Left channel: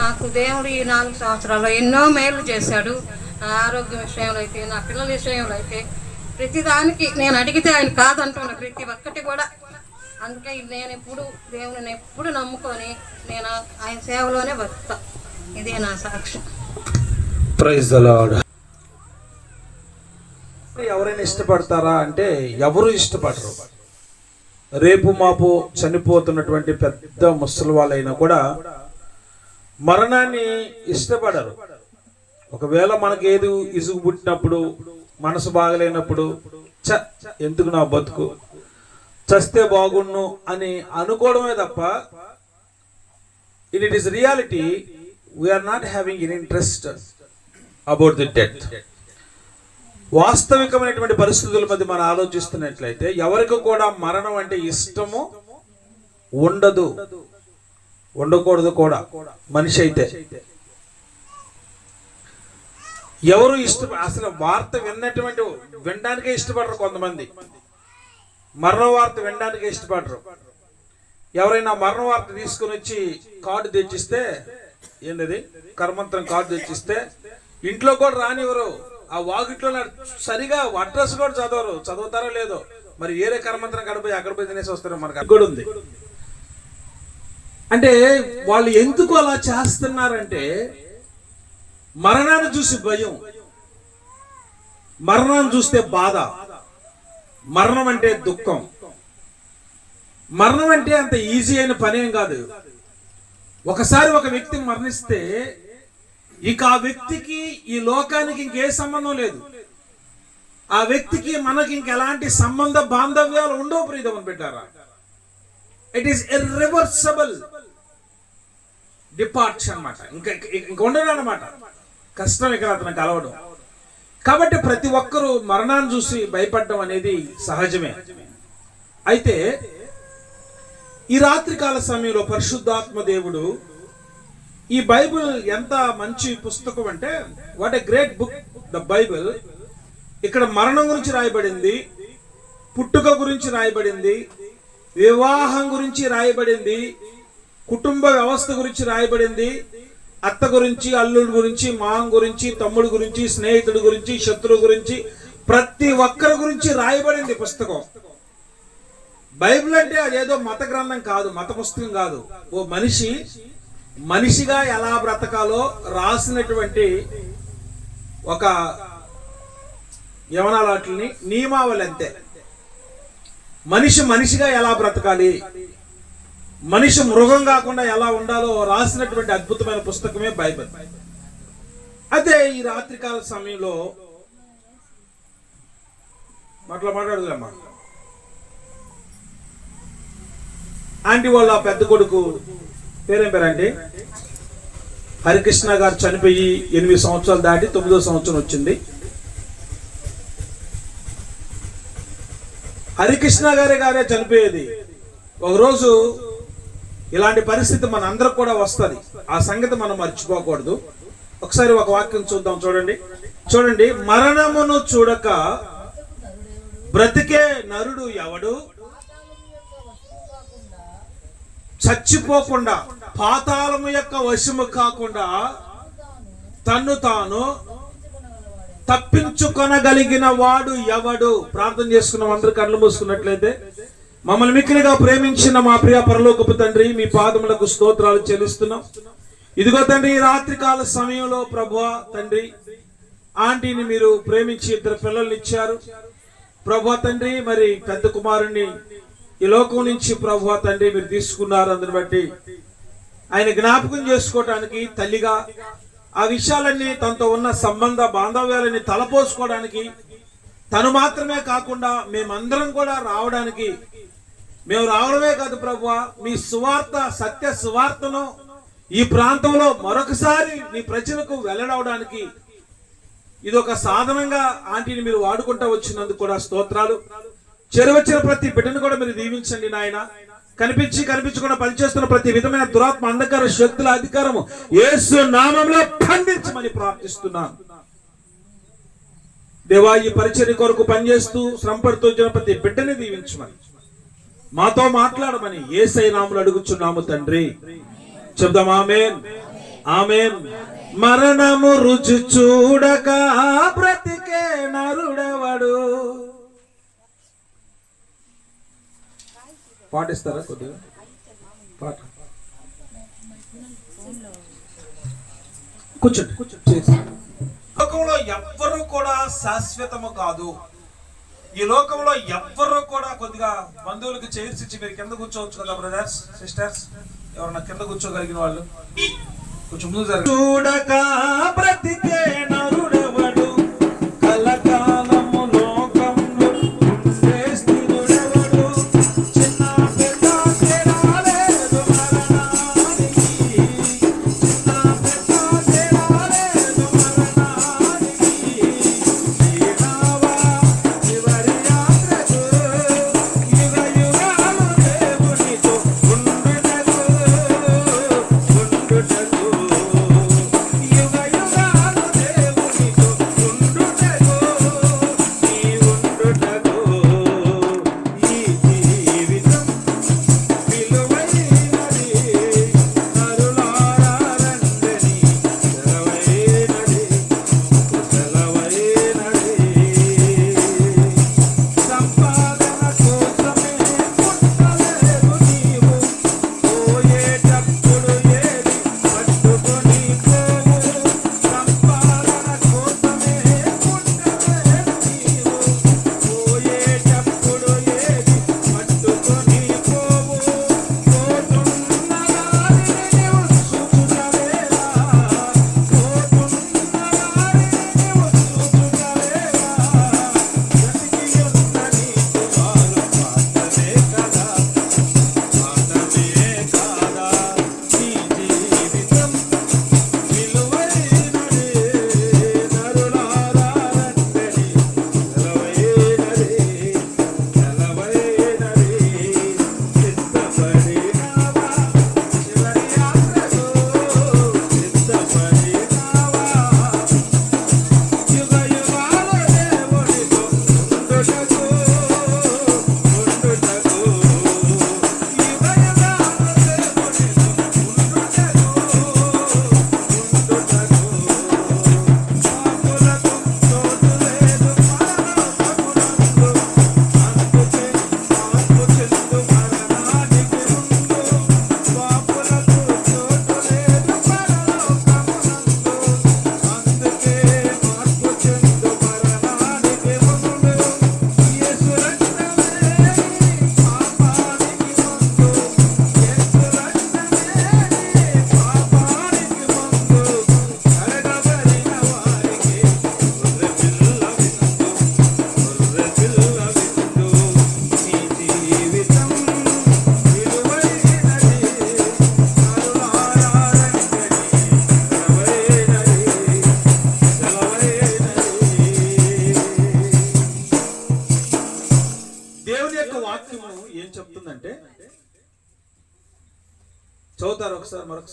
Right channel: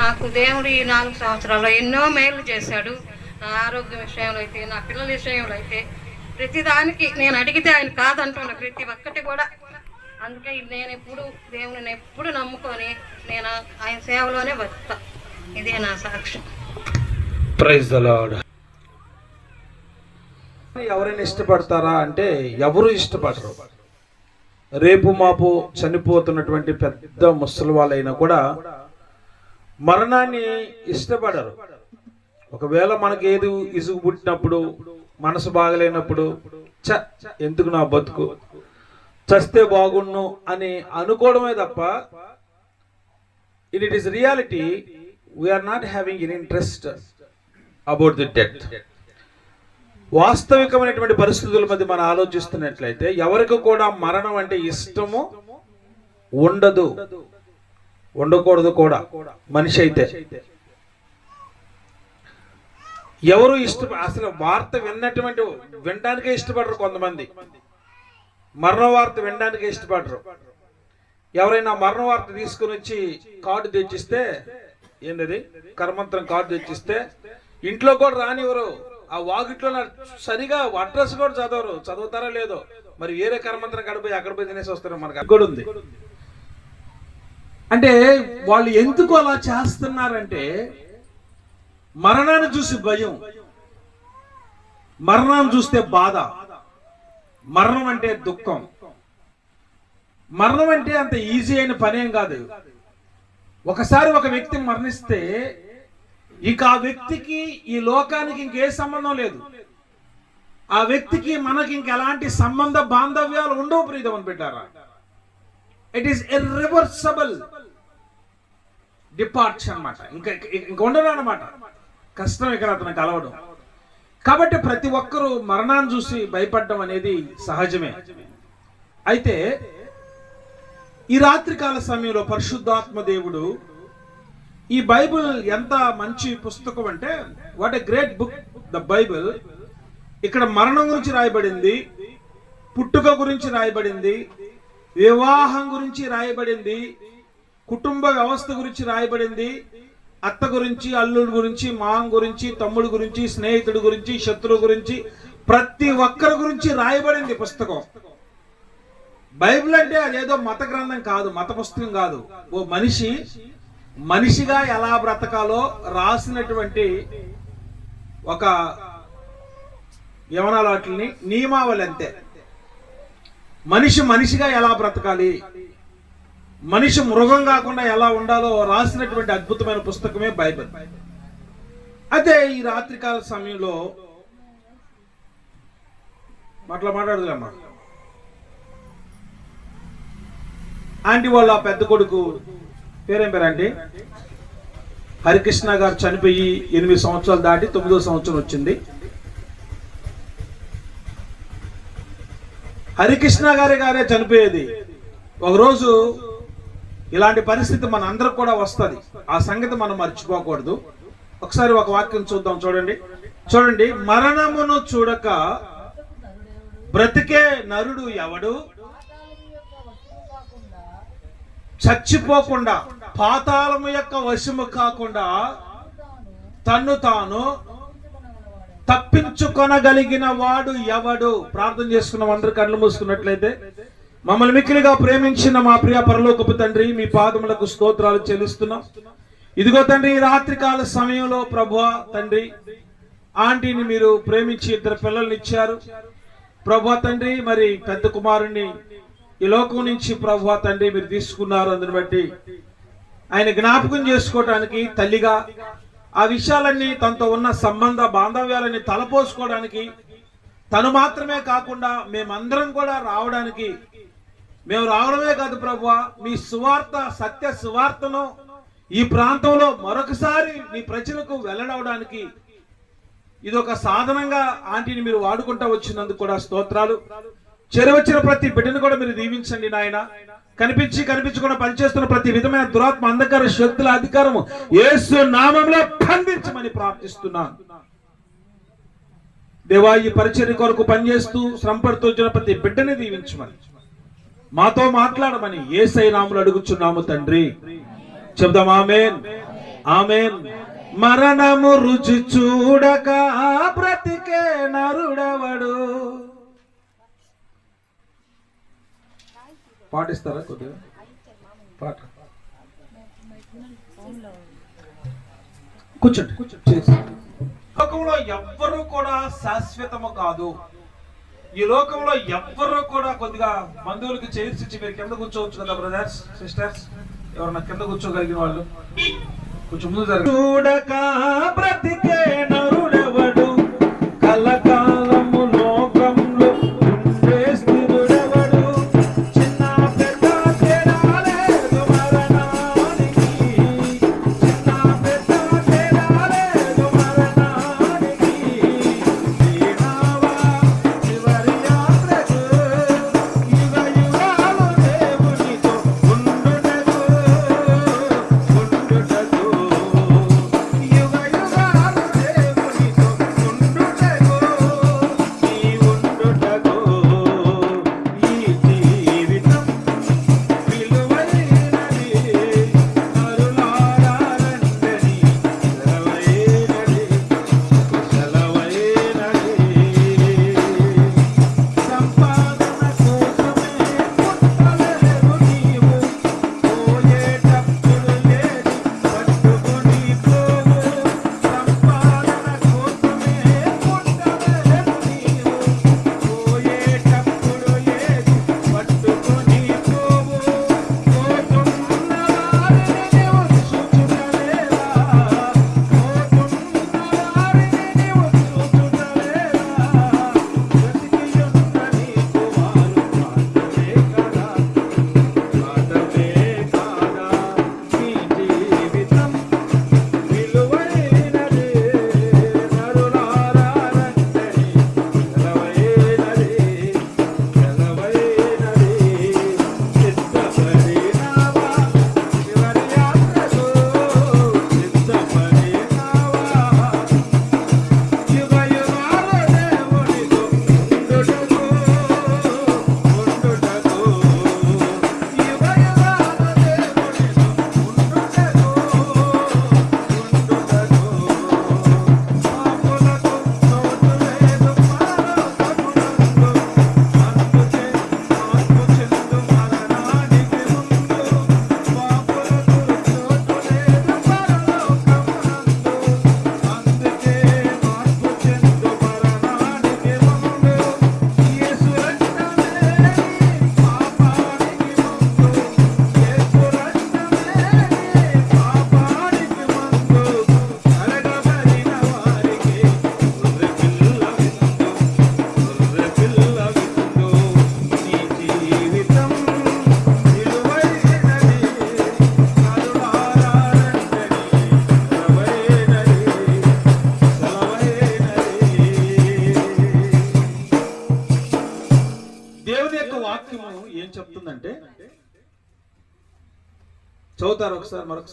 నాకు దేవుడు ఈ నాలుగు సంవత్సరాల్లో ఎన్నో మేలు చేశాడు. నా ఆరోగ్యం విషయంలో అయితే నా పిల్లల విషయంలో అయితే ప్రతిదానికి నేను అడిగితే ఆయన కాదంటున్నా ప్రతి ఒక్కటి కూడా. అందుకే నేను ఎప్పుడు దేవుని ఎప్పుడు నమ్ముకొని నేను ఆయన సేవలోనే బతుకుతా. ఇదే నా సాక్ష్యం. ప్రైజ్ ద లార్డ్ ఎవరైనా ఇష్టపడతారా అంటే ఎవరు ఇష్టపడరు. రేపు మాపు చనిపోతున్నటువంటి పెద్ద ముసలి వాళ్ళైనా కూడా మరణాన్ని ఇష్టపడరు. ఒకవేళ మనకి ఏది ఇసుగు పుట్టినప్పుడు మనసు బాగలేనప్పుడు చ ఎందుకు నా బతుకు? చస్తే బాగుండు అని అనుకోవడమే తప్ప it it is reality we are not having in interest about the death వాస్తవికమైనటువంటి పరిస్థితుల మధ్య మనం ఆలోచిస్తున్నట్లయితే ఎవరికి కూడా మరణం అంటే ఇష్టము ఉండదు. ఉండకూడదు కూడా. మనిషి అయితే. ఎవరు ఇష్ట అసలు వార్త విన్నటువంటి వినడానికే ఇష్టపడరు కొంతమంది. మరణ వార్త వినడానికే ఇష్టపడరు. ఎవరైనా మరణ వార్త తీసుకుని వచ్చి కార్డు తెచ్చిస్తే ఏంటది కర్మంత్రం కార్డు తెచ్చిస్తే ఇంట్లో కూడా రానివ్వరు. ఆ వాకిట్లో సరిగా అడ్రస్ కూడా చదవరు. చదువుతారో లేదో. మరి వేరే కర్మంత్రం గడిపోయి అక్కడ పోయి తినేసి వస్తారో మనకు. కూడా ఉంది. అంటే వాళ్ళు ఎందుకు అలా చేస్తున్నారంటే మరణాన్ని చూసి భయం. మరణాన్ని చూస్తే బాధ. మరణం అంటే దుఃఖం. మరణం అంటే అంత ఈజీ అయిన పనేం కాదు. ఒకసారి ఒక వ్యక్తి మరణిస్తే ఇక ఆ వ్యక్తికి ఈ లోకానికి ఇంకే సంబంధం లేదు. ఆ వ్యక్తికి మనకి ఇంకెలాంటి సంబంధ బాంధవ్యాలు ఉండవు ప్రీతమని పెట్టారా ఇట్ ఈస్ ఇర్రివర్సబుల్ డిపార్ట్స్ అన్నమాట. ఇంకా ఇంకా ఉండడం అనమాట కష్టం ఇక్కడ అతను కలవడం కాబట్టి ప్రతి ఒక్కరూ మరణాన్ని చూసి భయపడడం అనేది సహజమే. అయితే ఈ రాత్రికాల సమయంలో పరిశుద్ధాత్మ దేవుడు ఈ బైబిల్ ఎంత మంచి పుస్తకం అంటే what a great book the Bible ఇక్కడ మరణం గురించి రాయబడింది పుట్టుక గురించి రాయబడింది వివాహం గురించి రాయబడింది కుటుంబ వ్యవస్థ గురించి రాయబడింది. అత్త గురించి అల్లుడి గురించి మాం గురించి తమ్ముడు గురించి స్నేహితుడి గురించి శత్రువు గురించి ప్రతి ఒక్కరి గురించి రాయబడింది పుస్తకం. బైబిల్ అంటే అదేదో మత గ్రంథం కాదు మత పుస్తకం కాదు. ఓ మనిషి మనిషిగా ఎలా బ్రతకాలో రాసినటువంటి ఒక యవనాల వాటిని నియమావళి అంతే. మనిషి మనిషిగా ఎలా బ్రతకాలి? మనిషి మృగం కాకుండా ఎలా ఉండాలో రాసినటువంటి అద్భుతమైన పుస్తకమే బైబిల్. అదే ఈ రాత్రికాల సమయంలో అట్లా మాట్లాడదులేమ్మా ఆంటీ వాళ్ళ పెద్ద కొడుకు పేరేం పేరండి? హరికృష్ణ గారు చనిపోయి ఎనిమిది సంవత్సరాలు దాటి తొమ్మిదో సంవత్సరం వచ్చింది. హరికృష్ణ గారే గారే చనిపోయేది. ఒకరోజు ఇలాంటి పరిస్థితి మన అందరికి కూడా వస్తుంది. ఆ సంగతి మనం మర్చిపోకూడదు. ఒకసారి ఒక వాక్యం చూద్దాం చూడండి. చూడండి మరణమును చూడక బ్రతికే నరుడు ఎవడు? చచ్చిపోకుండా పాతాళము యొక్క వశము కాకుండా తన్ను తాను తప్పించుకొనగలిగిన వాడు ఎవడు? ప్రార్థన చేసుకున్న అందరు కళ్ళు మూసుకున్నట్లయితే. మమ్మల్ని మిక్కిలిగా ప్రేమించిన మా ప్రియ పరలోకపు తండ్రి మీ పాదములకు స్తోత్రాలు చెల్లిస్తున్నాం. ఇదిగో తండ్రి రాత్రికాల సమయంలో ప్రభు తండ్రి ఆంటీని మీరు ప్రేమించి ఇద్దరు పిల్లల్ని ఇచ్చారు. ప్రభు తండ్రి మరి పెద్ద కుమారుణ్ణి ఈ లోకం నుంచి ప్రభు తండ్రి మీరు తీసుకున్నారు. అందుని బట్టి ఆయన జ్ఞాపకం చేసుకోవటానికి తల్లిగా ఆ విషయాలన్నీ తనతో ఉన్న సంబంధ బాంధవ్యాలని తలపోసుకోవడానికి తను మాత్రమే కాకుండా మేమందరం కూడా రావడానికి మేము రావడమే కాదు ప్రభు మీ సువార్త సత్య సువార్తను ఈ ప్రాంతంలో మరొకసారి మీ ప్రజలకు వెళ్ళడవడానికి ఇది ఒక సాధనంగా ఆంటీని మీరు వాడుకుంటూ వచ్చినందుకు కూడా స్తోత్రాలు. చెరవచ్చిన ప్రతి బిడ్డను కూడా మీరు దీవించండి నాయన. కనిపించి కనిపించకుండా పనిచేస్తున్న ప్రతి విధమైన దురాత్మ అంధకార శక్తుల అధికారము ఏసు నామంలో ఖండించమని ప్రార్థిస్తున్నాను దేవా ఈ పరిచర్య కొరకు పనిచేస్తూ శ్రమపడుతూ వచ్చిన ప్రతి బిడ్డని దీవించమని. మాతో మాట్లాడమని ఏసై నాములు అడుగుచున్నాము తండ్రి. చెప్దాం ఆమెన్. ఆమెన్. మరణము రుచి చూడక బ్రతికే నరుడవడు? పాటిస్తారా కొద్దిగా? పాట. కూర్చోండి కూర్చోండి. లోకంలో ఎవ్వరూ కూడా శాశ్వతము కాదు. ఈ లోకంలో ఎవ్వరూ కూడా కొద్దిగా బంధువులకు చేర్చి మీరు కింద కూర్చోవచ్చు కదా బ్రదర్స్ సిస్టర్స్ ఎవరన్నా కింద కూర్చోగలిగిన వాళ్ళు? కొంచెం ముందు చూడక బ్రతికే నరుడెవడు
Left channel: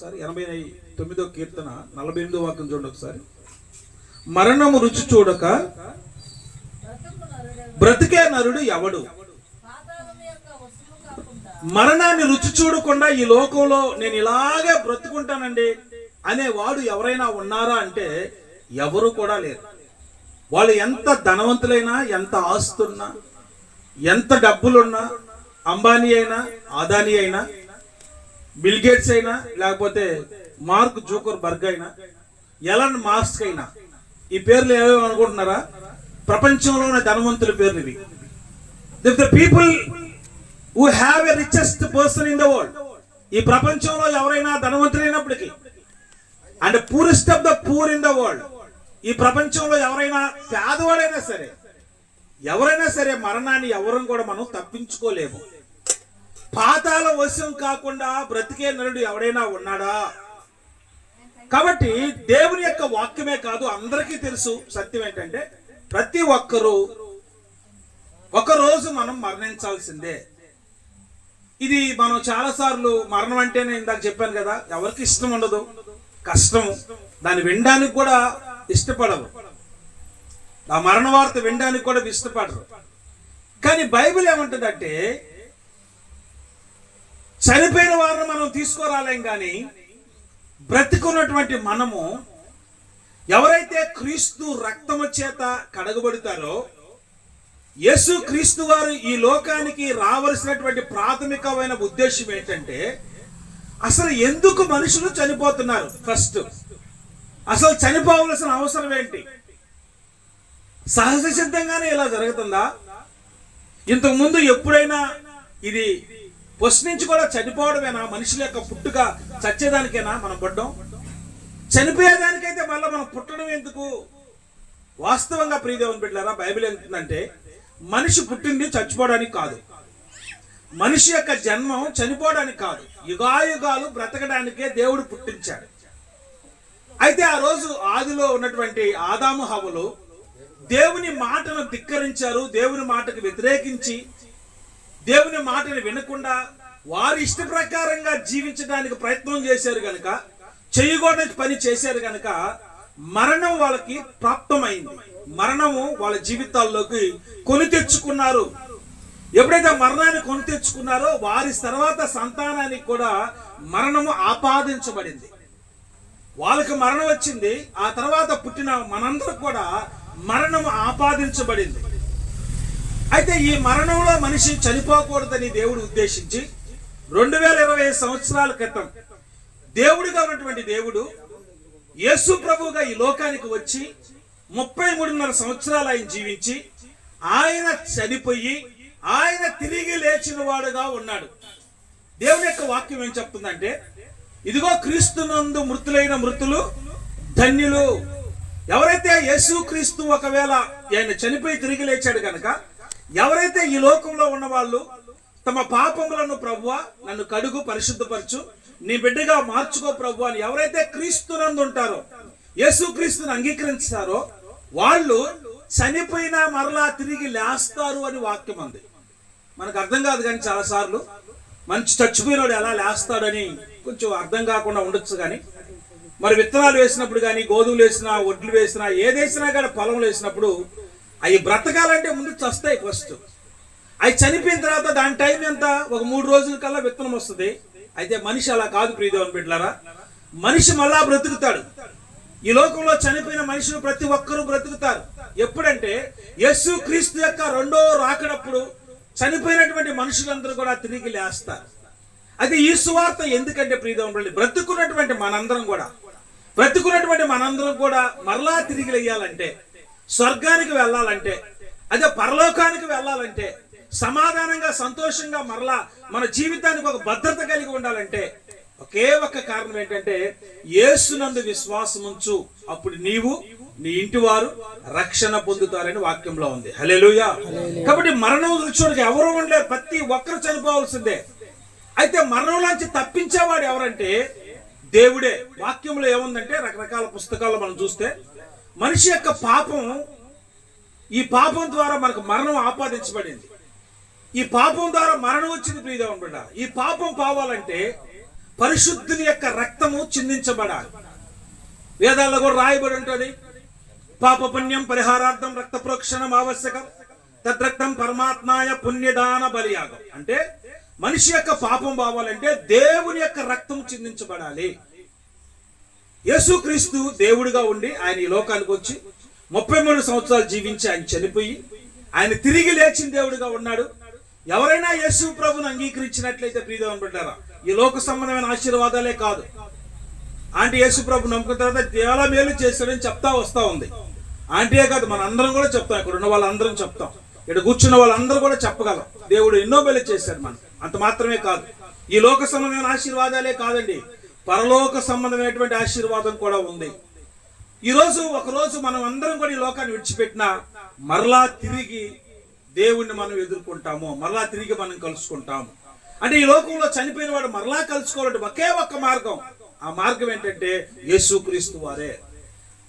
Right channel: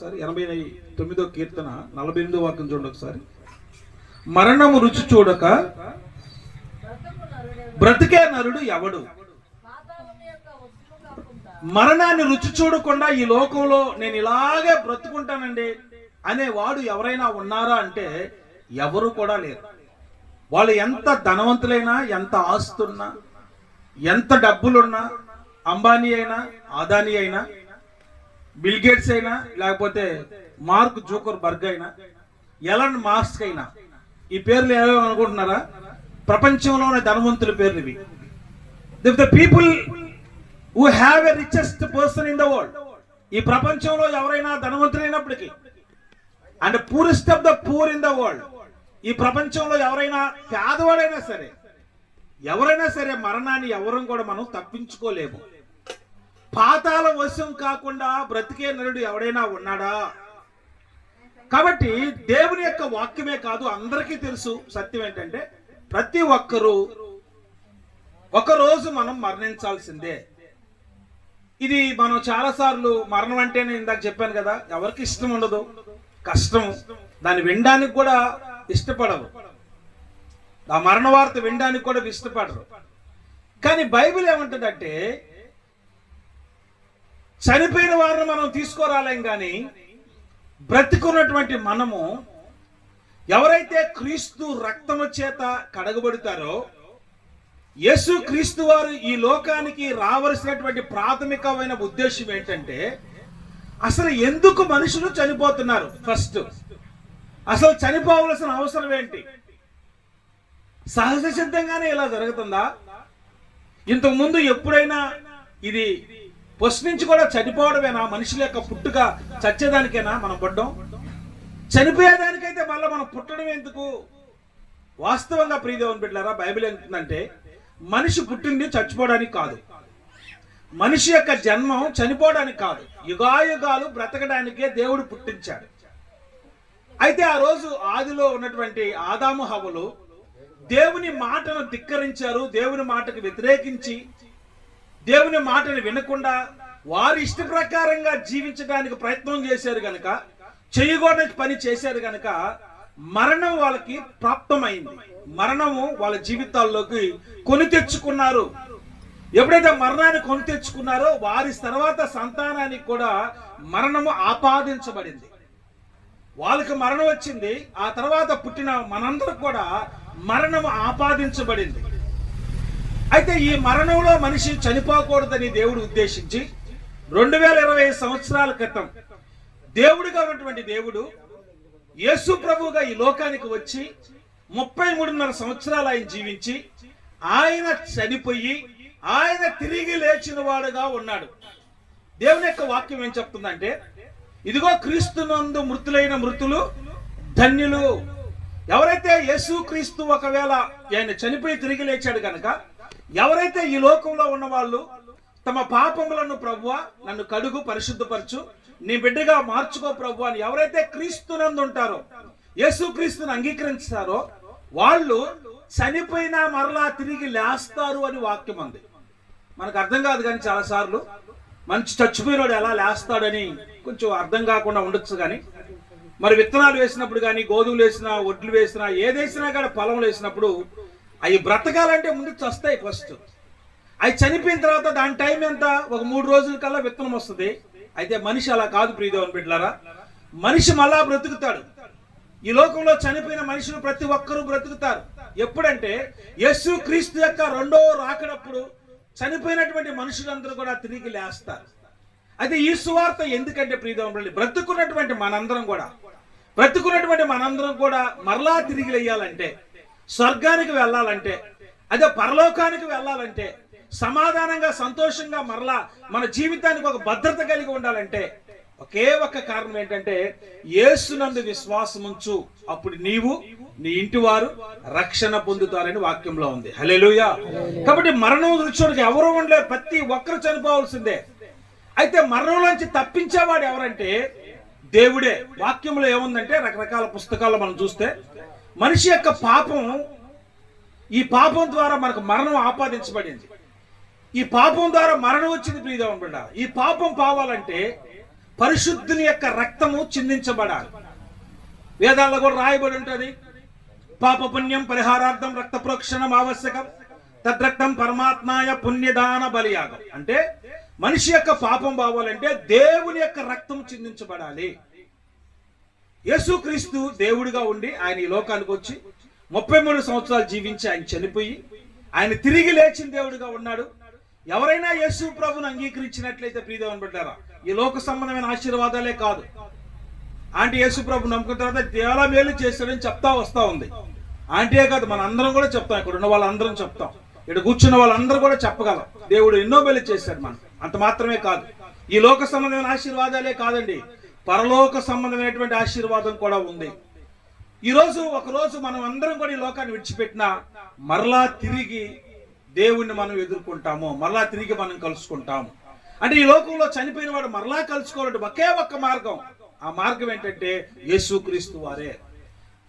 ఒకసారి ఎనభై తొమ్మిదో కీర్తన నలభై ఎనిమిదో వాక్యం చూడండి ఒకసారి. మరణము రుచి చూడక బ్రతికే నరుడు ఎవడు? మరణాన్ని రుచి చూడకుండా ఈ లోకంలో నేను ఇలాగే బ్రతుకుంటానండి అనేవాడు ఎవరైనా ఉన్నారా అంటే ఎవరు కూడా లేరు. వాళ్ళు ఎంత ధనవంతులైనా ఎంత ఆస్తున్నా ఎంత డబ్బులున్నా అంబానీ అయినా అదానీ అయినా బిల్ గేట్స్ అయినా లేకపోతే మార్క్ జోకర్ బర్గ్ అయినా ఎలన్ మాస్క్ అయినా ఈ పేర్లు ఏవేమో అనుకుంటున్నారా? ప్రపంచంలోనే ధనవంతుల పేర్లు ఇవి. The people who have a richest person in the world ఈ ప్రపంచంలో ఎవరైనా ధనవంతులైనప్పటికీ and poorest of the poor in the world ఈ ప్రపంచంలో ఎవరైనా పేదవాడైనా సరే ఎవరైనా సరే మరణాన్ని ఎవరం కూడా మనం తప్పించుకోలేము. పాతాల వశం కాకుండా బ్రతికే నరుడు ఎవడైనా ఉన్నాడా? కాబట్టి దేవుని యొక్క వాక్యమే కాదు అందరికీ తెలుసు సత్యం ఏంటంటే ప్రతి ఒక్కరూ ఒకరోజు మనం మరణించాల్సిందే. ఇది మనం చాలా సార్లు మరణం అంటేనే ఇందాక చెప్పాను కదా ఎవరికి ఇష్టం ఉండదు కష్టం. దాన్ని వినడానికి కూడా ఇష్టపడవు ఆ మరణ వార్త వినడానికి కూడా ఇష్టపడరు. కానీ బైబిల్ ఏమంటుందంటే చనిపోయిన వారిని మనం తీసుకురాలేం కానీ బ్రతికున్నటువంటి మనము ఎవరైతే క్రీస్తు రక్తము చేత కడగబడతారో యేసు క్రీస్తు వారు ఈ లోకానికి రావలసినటువంటి ప్రాథమికమైన ఉద్దేశం ఏంటంటే అసలు ఎందుకు మనుషులు చనిపోతున్నారు ఫస్ట్? అసలు చనిపోవలసిన అవసరం ఏంటి? సహజ సిద్ధంగానే ఇలా జరుగుతుందా? ఇంతకుముందు ఎప్పుడైనా ఇది ఫస్ట్ నుంచి కూడా చనిపోవడమేనా? మనుషుల యొక్క పుట్టుక చచ్చేదానికేనా మనం పడ్డం? చనిపోయేదానికైతే మళ్ళీ మనం పుట్టడం ఎందుకు? వాస్తవంగా ప్రియదేవన్ బిడ్డారా బైబిల్ ఏంటంటే మనిషి పుట్టింది చచ్చిపోవడానికి కాదు. మనిషి యొక్క జన్మం చనిపోవడానికి కాదు. యుగాయుగాలు బ్రతకడానికే దేవుడు పుట్టించాడు. అయితే ఆ రోజు ఆదిలో ఉన్నటువంటి ఆదాము హవలు దేవుని మాటను ధిక్కరించారు దేవుని మాటకు వ్యతిరేకించి దేవుని మాటను వినకుండా వారి ఇష్ట ప్రకారంగా జీవించడానికి ప్రయత్నం చేశారు గనక చేయకూడని పని చేశారు గనక మరణం వాళ్ళకి ప్రాప్తమైంది. మరణము వాళ్ళ జీవితాల్లోకి కొని తెచ్చుకున్నారు. ఎప్పుడైతే మరణాన్ని కొని తెచ్చుకున్నారో వారి తర్వాత సంతానానికి కూడా మరణము ఆపాదించబడింది. వాళ్ళకి మరణం వచ్చింది ఆ తర్వాత పుట్టిన మనందరూ కూడా మరణం ఆపాదించబడింది. అయితే ఈ మరణంలో మనిషి చనిపోకూడదని దేవుడు ఉద్దేశించి రెండు వేల ఇరవై సంవత్సరాల క్రితం దేవుడిగా ఉన్నటువంటి దేవుడు యేసు ప్రభువుగా ఈ లోకానికి వచ్చి ముప్పై మూడున్నర సంవత్సరాలు ఆయన జీవించి ఆయన చనిపోయి ఆయన తిరిగి లేచిన వాడుగా ఉన్నాడు. దేవుని యొక్క వాక్యం ఏం చెప్తుందంటే ఇదిగో క్రీస్తునందు మృతులైన మృతులు ధన్యులు. ఎవరైతే యేసు క్రీస్తు ఒకవేళ ఆయన చనిపోయి తిరిగి లేచాడు కనుక ఎవరైతే ఈ లోకంలో ఉన్న వాళ్ళు తమ పాపములను ప్రభువ నన్ను కడుగు పరిశుద్ధపరచు నీ బిడ్డగా మార్చుకో ప్రభు అని ఎవరైతే క్రీస్తునందు ఉంటారో యేసుక్రీస్తుని అంగీకరించారో అంగీకరిస్తారో వాళ్ళు చనిపోయినా మరలా తిరిగి లేస్తారు అని వాక్యం ఉంది. మనకు అర్థం కాదు కానీ చాలాసార్లు మంచి చచ్చిపోయినాడు ఎలా లేస్తాడని కొంచెం అర్థం కాకుండా ఉండొచ్చు కానీ మరి విత్తనాలు వేసినప్పుడు కానీ గోధుమలు వేసినా ఒడ్లు వేసినా ఏది వేసినా కానీ పొలం వేసినప్పుడు అవి బ్రతకాలంటే ముందు చస్తాయి ఫస్ట్ అవి చనిపోయిన తర్వాత దాని టైం ఎంత? ఒక మూడు రోజుల కల్లా విత్తనం వస్తుంది. అయితే మనిషి అలా కాదు ప్రియదేవన్ బిడ్డలారా. మనిషి మళ్ళా బ్రతుకుతాడు. ఈ లోకంలో చనిపోయిన మనిషిని ప్రతి ఒక్కరూ బ్రతుకుతారు. ఎప్పుడంటే యేసు క్రీస్తు యొక్క రెండో రాకడప్పుడు చనిపోయినటువంటి మనుషులందరూ కూడా తిరిగి లేస్తారు. అది ఈ సువార్త ఎందుకంటే ప్రియదేవన్ బ్రతుకున్నటువంటి మనందరం కూడా బ్రతుకున్నటువంటి మనందరం కూడా మరలా తిరిగి లేయాలంటే స్వర్గానికి వెళ్ళాలంటే అదే పరలోకానికి వెళ్ళాలంటే సమాధానంగా సంతోషంగా మరలా మన జీవితానికి ఒక భద్రత కలిగి ఉండాలంటే ఒకే ఒక్క కారణం ఏంటంటే యేసునందు విశ్వాసం ఉంచు. అప్పుడు నీవు నీ ఇంటి వారు రక్షణ పొందుతారని వాక్యంలో ఉంది. హల్లెలూయా. కాబట్టి మరణం చూడడానికి ఎవరు ఉండలేరు. ప్రతి ఒక్కరు చనిపోవాల్సిందే. అయితే మరణంలోంచి తప్పించేవాడు ఎవరంటే దేవుడే. వాక్యంలో ఏముందంటే రకరకాల పుస్తకాల్లో మనం చూస్తే మనిషి యొక్క పాపం ఈ పాపం ద్వారా మనకు మరణం ఆపాదించబడింది. ఈ పాపం ద్వారా మరణం వచ్చింది ప్రియదేవన్ బిడ్డ. ఈ పాపం పావాలంటే పరిశుద్ధుని యొక్క రక్తము చిందించబడాలి. వేదాల్లో కూడా రాయబడి ఉంటుంది. పాప పుణ్యం పరిహారార్థం రక్త ప్రోక్షణం ఆవశ్యకం. తద్రక్తం పరమాత్మాయ పుణ్యదాన బలియాగం. అంటే మనిషి యొక్క పాపం పోవాలంటే దేవుని యొక్క రక్తం చిందించబడాలి. యేసుక్రీస్తు దేవుడిగా ఉండి ఆయన ఈ లోకానికి వచ్చి ముప్పై మూడు సంవత్సరాలు జీవించి ఆయన చనిపోయి ఆయన తిరిగి లేచిన దేవుడిగా ఉన్నాడు. ఎవరైనా యేసు ప్రభును అంగీకరించినట్లయితే ప్రియదేవన్ బిడ్డారా ఈ లోక సంబంధమైన ఆశీర్వాదాలే కాదు. ఆంటీ యేసు ప్రభు నమ్ముకున్న తర్వాత చాలా మేలు చేశాడని చెప్తా వస్తా ఉంది. ఆంటీయే కాదు మన అందరం కూడా చెప్తాం ఇక్కడ ఉన్న వాళ్ళందరం చెప్తాం. ఇక్కడ కూర్చున్న వాళ్ళందరూ కూడా చెప్పగలం. దేవుడు ఎన్నో మేలు చేశాడు మనకి. అంత మాత్రమే కాదు. ఈ లోక సంబంధమైన ఆశీర్వాదాలే కాదండి. పరలోక సంబంధమైనటువంటి ఆశీర్వాదం కూడా ఉంది. ఈ రోజు ఒక రోజు మనం అందరం కూడా ఈ లోకాన్ని విడిచిపెట్టినా మరలా తిరిగి దేవుణ్ణి మనం ఎదుర్కొంటాము. మరలా తిరిగి మనం కలుసుకుంటాము. అంటే ఈ లోకంలో చనిపోయిన వాడు మరలా కలుసుకోవాలంటే ఒకే ఒక్క మార్గం. ఆ మార్గం ఏంటంటే యేసుక్రీస్తు వారే.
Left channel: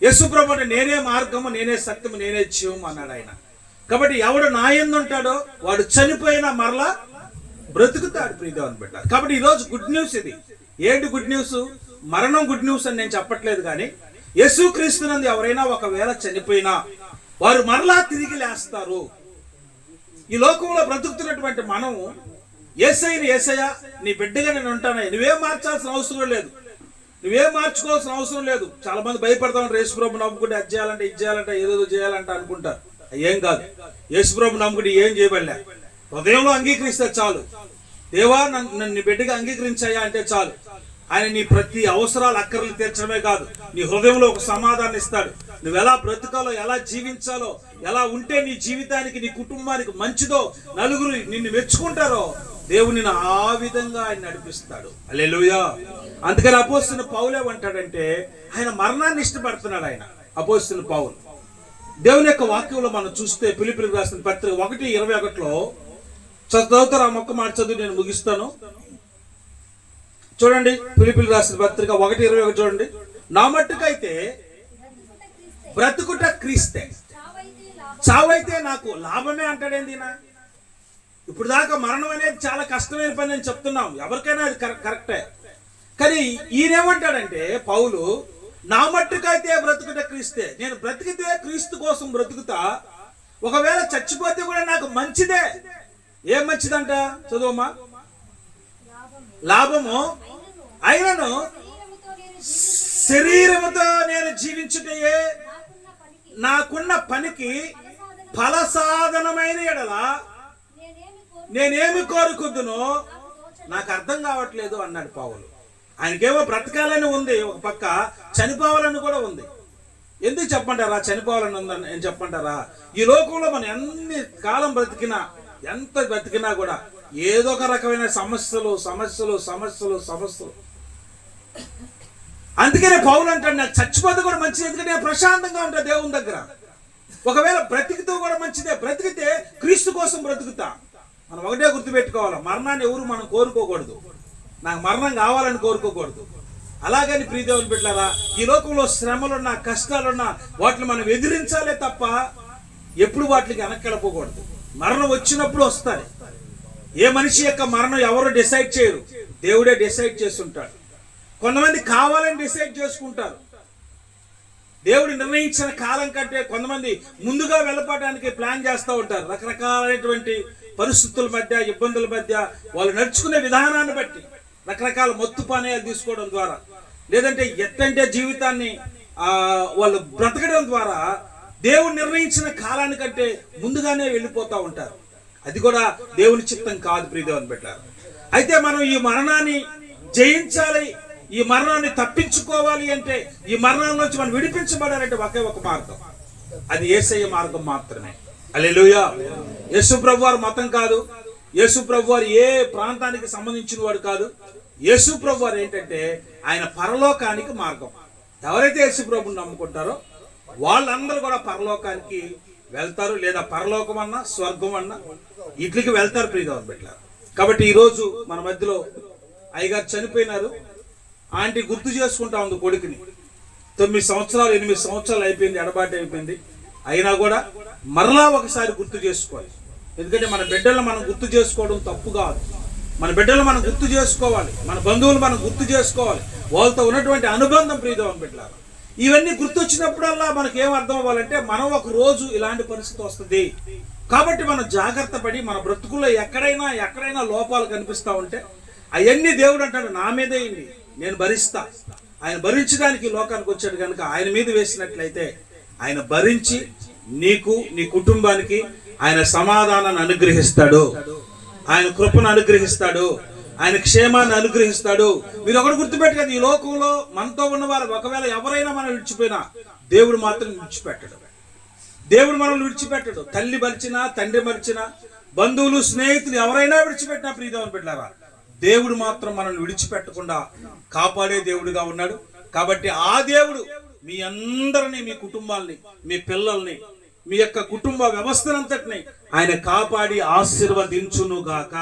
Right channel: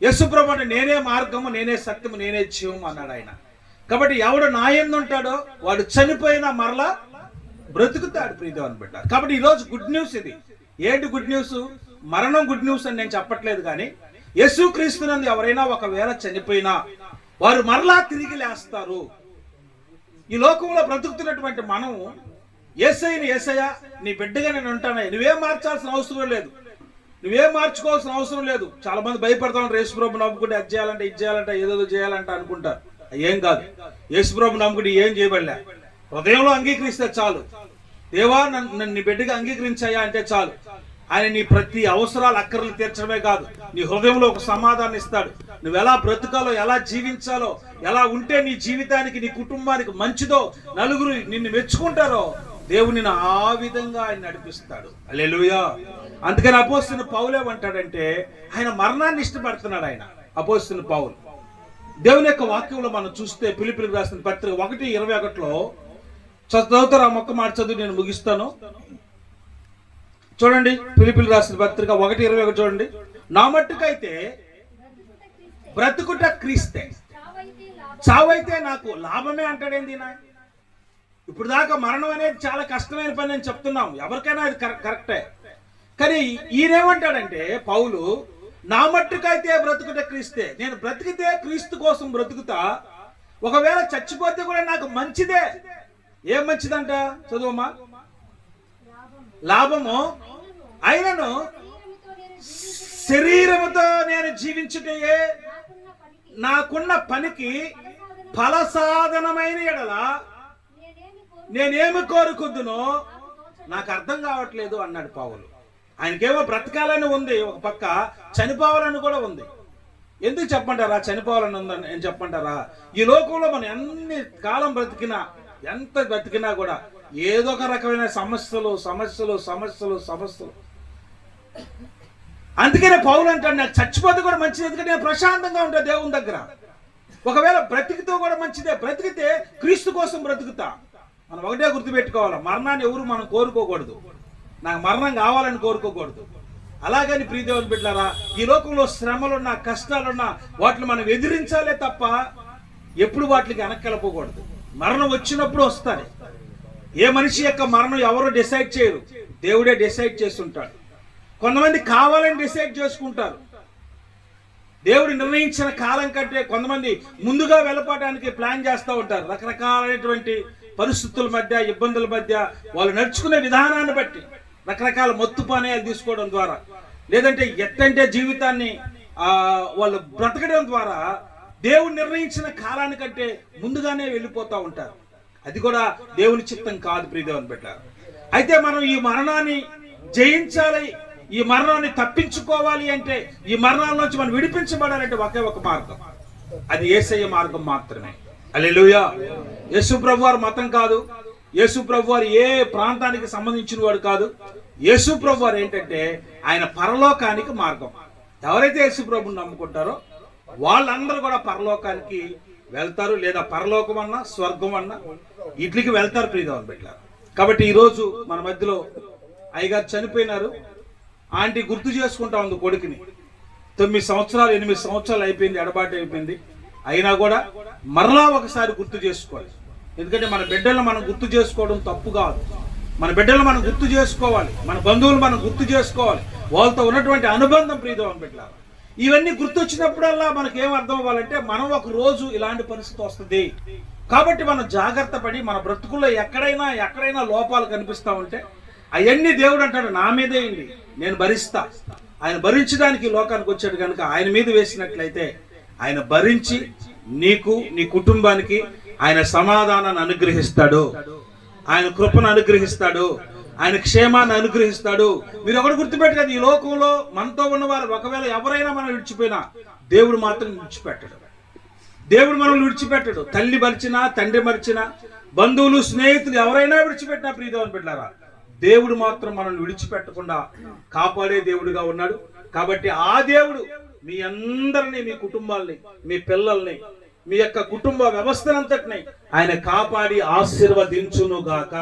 యేసుప్రభు అంటే నేనే మార్గము నేనే సత్యము నేనే జీవము అన్నాడు ఆయన. కాబట్టి ఎవడు నా ఉంటాడో వాడు చనిపోయినా మరలా బ్రతుకుతాడు ప్రియదేవన్ బిడ్డ కాబట్టి ఈరోజు గుడ్ న్యూస్ ఇది. ఏంటి గుడ్ న్యూస్ మరణం గుడ్ న్యూస్ అని నేను చెప్పట్లేదు కానీ యేసు క్రీస్తునందు ఎవరైనా ఒకవేళ చనిపోయినా వారు మరలా తిరిగి లేస్తారు. ఈ లోకంలో బ్రతుకుతున్నటువంటి మనము ఏసైని ఏసయ్య నీ బిడ్డగా నేను ఉంటానే. నువ్వేం మార్చాల్సిన అవసరం లేదు. నువ్వేం మార్చుకోవాల్సిన అవసరం లేదు. చాలా మంది భయపడతాం యేసుప్రభు నమ్ముకుంటే అది చేయాలంటే ఇది చేయాలంటే ఏదేదో చేయాలంటే అనుకుంటారు. ఏం కాదు. యేసుప్రభు నమ్ముకుంటే ఏం చేయబడలే. ఉదయంలో అంగీకరిస్తే చాలు. దేవా నన్ను బిడ్డగా అంగీకరించాయా అంటే చాలు. ఆయన నీ ప్రతి అవసరాలు అక్కర్లు తీర్చడమే కాదు. నీ హృదయంలో ఒక సమాధానం ఇస్తాడు. నువ్వు ఎలా బ్రతకాలో ఎలా జీవించాలో ఎలా ఉంటే నీ జీవితానికి నీ కుటుంబానికి మంచిదో నలుగురు నిన్ను మెచ్చుకుంటారో దేవుని ఆ విధంగా ఆయన నడిపిస్తాడు. అలెలుయా అందుకని అపోస్తున్న పౌలేమంటాడంటే ఆయన మరణాన్ని ఇష్టపడుతున్నాడు ఆయన అపోస్తున్న పౌలు. దేవుని యొక్క వాక్యంలో మనం చూస్తే పిలిపిలికి రాసిన పత్రిక ఒకటి ఇరవై ఒకటిలో చదువుతారు ఆ మొక్క మాట చదువు నేను ముగిస్తాను. చూడండి పిలిపిలి రాసిన పత్రిక ఒకటి ఇరవై ఒకటి చూడండి. నా మట్టుకైతే బ్రతుకుట క్రీస్తే. చావైతే నాకు లాభమే అంటాడేంది ఈయన? ఇప్పుడు దాకా మరణం అనేది చాలా కష్టమైన పని నేను చెప్తున్నాం. ఎవరికైనా అది కరెక్టే. కానీ ఈయనేమంటాడంటే పౌలు నా మట్టుకైతే బ్రతుకుట క్రీస్తే. నేను బ్రతికితే క్రీస్తు కోసం బ్రతుకుతా. ఒకవేళ చచ్చిపోతే కూడా నాకు మంచిదే. ఏం మంచిదంట? చదువమ్మా. లాభము అయినను శరీరముతో నేను జీవించుటయే నాకున్న పనికి ఫలసాధనమైన ఎడల నేనేమి కోరుకుందునో నాకు అర్థం కావట్లేదు అన్నాడు పావులు. ఆయనకేమో బ్రతకాలని ఉంది ఒక పక్క చనిపోవాలని కూడా ఉంది. ఎందుకు చెప్పంటారా చనిపోవాలని ఉందని చెప్పంటారా ఈ లోకంలో మనం ఎన్ని కాలం బ్రతికినా ఎంత బ్రతికినా కూడా ఏదో ఒక రకమైన సమస్యలు సమస్యలు సమస్యలు సమస్యలు. అందుకనే పౌలు అంటాడు నాకు చచ్చిపోతే కూడా మంచిది ఎందుకంటే నేను ప్రశాంతంగా ఉంటా దేవుని దగ్గర. ఒకవేళ బ్రతికితే కూడా మంచిదే బ్రతికితే క్రీస్తు కోసం బ్రతుకుతా. మనం ఒకటే గుర్తుపెట్టుకోవాలి మరణాన్ని ఎవరు మనం కోరుకోకూడదు. నాకు మరణం కావాలని కోరుకోకూడదు. అలాగని ప్రీదేవుని పెట్టారా ఈ లోకంలో శ్రమలున్నా కష్టాలున్నా వాటిని మనం ఎదిరించాలే తప్ప ఎప్పుడు వాటికి వెనక్కెళ్ళపోకూడదు మరణం వచ్చినప్పుడు వస్తాయి. ఏ మనిషి యొక్క మరణం ఎవరు డిసైడ్ చేయరు. దేవుడే డిసైడ్ చేస్తుంటాడు. కొంతమంది కావాలని డిసైడ్ చేసుకుంటారు. దేవుడు నిర్ణయించిన కాలం కంటే కొంతమంది ముందుగా వెళ్ళపోవడానికి ప్లాన్ చేస్తూ ఉంటారు. రకరకాలైనటువంటి పరిస్థితుల మధ్య ఇబ్బందుల మధ్య వాళ్ళు నడుచుకునే విధానాన్ని బట్టి రకరకాల మత్తు పానీయాలు తీసుకోవడం ద్వారా లేదంటే ఎట్టంటే జీవితాన్ని వాళ్ళు బ్రతకడం ద్వారా దేవుడు నిర్ణయించిన కాలానికంటే ముందుగానే వెళ్ళిపోతూ ఉంటారు. అది కూడా దేవుని చిత్తం కాదు ప్రియదేవన్ పెట్టారు అయితే మనం ఈ మరణాన్ని జయించాలి ఈ మరణాన్ని తప్పించుకోవాలి అంటే ఈ మరణాల నుంచి మనం విడిపించబడాలంటే ఒకే ఒక మార్గం. అది ఏసయ్య మార్గం మాత్రమే. అలెలుయా యేసు ప్రభు వారు మతం కాదు. యేసు ప్రభు వారు ఏ ప్రాంతానికి సంబంధించిన వాడు కాదు. యేసు ప్రభు వారు ఏంటంటే ఆయన పరలోకానికి మార్గం. ఎవరైతే యేసు ప్రభుని నమ్ముకుంటారో వాళ్ళందరూ కూడా పరలోకానికి వెళ్తారు లేదా పరలోకం అన్నా స్వర్గం అన్నా ఇట్లికి వెళ్తారు ప్రియదేవన్ బిడ్డ కాబట్టి ఈరోజు మన మధ్యలో అయ్యగారు చనిపోయినారు. ఆంటీ గుర్తు చేసుకుంటా ఉంది కొడుకుని. తొమ్మిది సంవత్సరాలు ఎనిమిది సంవత్సరాలు అయిపోయింది ఎడబాటు అయిపోయింది. అయినా కూడా మరలా ఒకసారి గుర్తు చేసుకోవాలి. ఎందుకంటే మన బిడ్డలను మనం గుర్తు చేసుకోవడం తప్పు కాదు. మన బిడ్డలు మనం గుర్తు చేసుకోవాలి. మన బంధువులు మనం గుర్తు చేసుకోవాలి. వాళ్ళతో ఉన్నటువంటి అనుబంధం ప్రీతం బిడ్డలారు. ఇవన్నీ గుర్తొచ్చినప్పుడల్లా మనకి ఏం అర్థం అవ్వాలంటే మనం ఒక రోజు ఇలాంటి పరిస్థితి వస్తుంది. కాబట్టి మనం జాగ్రత్త పడి మన బ్రతుకుల్లో ఎక్కడైనా ఎక్కడైనా లోపాలు కనిపిస్తా ఉంటే అవన్నీ దేవుడు అంటాడు నా మీదేయండి నేను భరిస్తా. ఆయన భరించడానికి ఈ లోకానికి వచ్చాడు కనుక ఆయన మీద వేసినట్లయితే ఆయన భరించి నీకు నీ కుటుంబానికి ఆయన సమాధానాన్ని అనుగ్రహిస్తాడు. ఆయన కృపను అనుగ్రహిస్తాడు. ఆయన క్షేమాన్ని అనుగ్రహిస్తాడు. మీరు ఒకటి గుర్తుపెట్టలేదు ఈ లోకంలో మనతో ఉన్నవారు ఒకవేళ ఎవరైనా మనం విడిచిపోయినా దేవుడు మాత్రం విడిచిపెట్టడు. దేవుడు మనల్ని విడిచిపెట్టడు. తల్లి మరిచినా తండ్రి మరిచినా బంధువులు స్నేహితులు ఎవరైనా విడిచిపెట్టినా ప్రీతమని పెట్టారా దేవుడు మాత్రం మనల్ని విడిచిపెట్టకుండా కాపాడే దేవుడిగా ఉన్నాడు. కాబట్టి ఆ దేవుడు మీ అందరినీ మీ కుటుంబాల్ని మీ పిల్లల్ని మీ యొక్క కుటుంబ వ్యవస్థనంతటిని ఆయన కాపాడి ఆశీర్వదించును గాక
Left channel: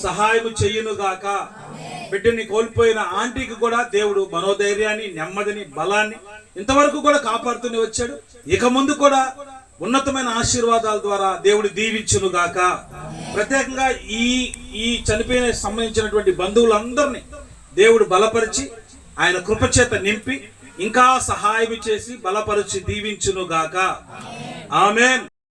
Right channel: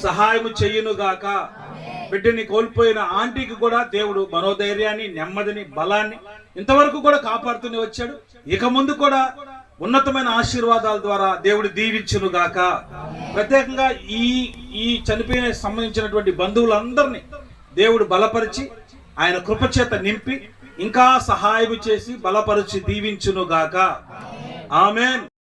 సహాయం చెయ్యునుగాక బిడ్డని కోల్పోయిన ఆంటీకి కూడా దేవుడు మనోధైర్యాన్ని నెమ్మదిని బలాన్ని ఇంతవరకు కూడా కాపాడుతూనే వచ్చాడు. ఇక ముందు కూడా ఉన్నతమైన ఆశీర్వాదాల ద్వారా దేవుడు దీవించును గాక ప్రత్యేకంగా ఈ ఈ చనిపోయిన సంబంధించినటువంటి బంధువులందరినీ దేవుడు బలపరిచి ఆయన కృపచేత నింపి ఇంకా సహాయం చేసి బలపరిచి దీవించును గాక ఆమెన్.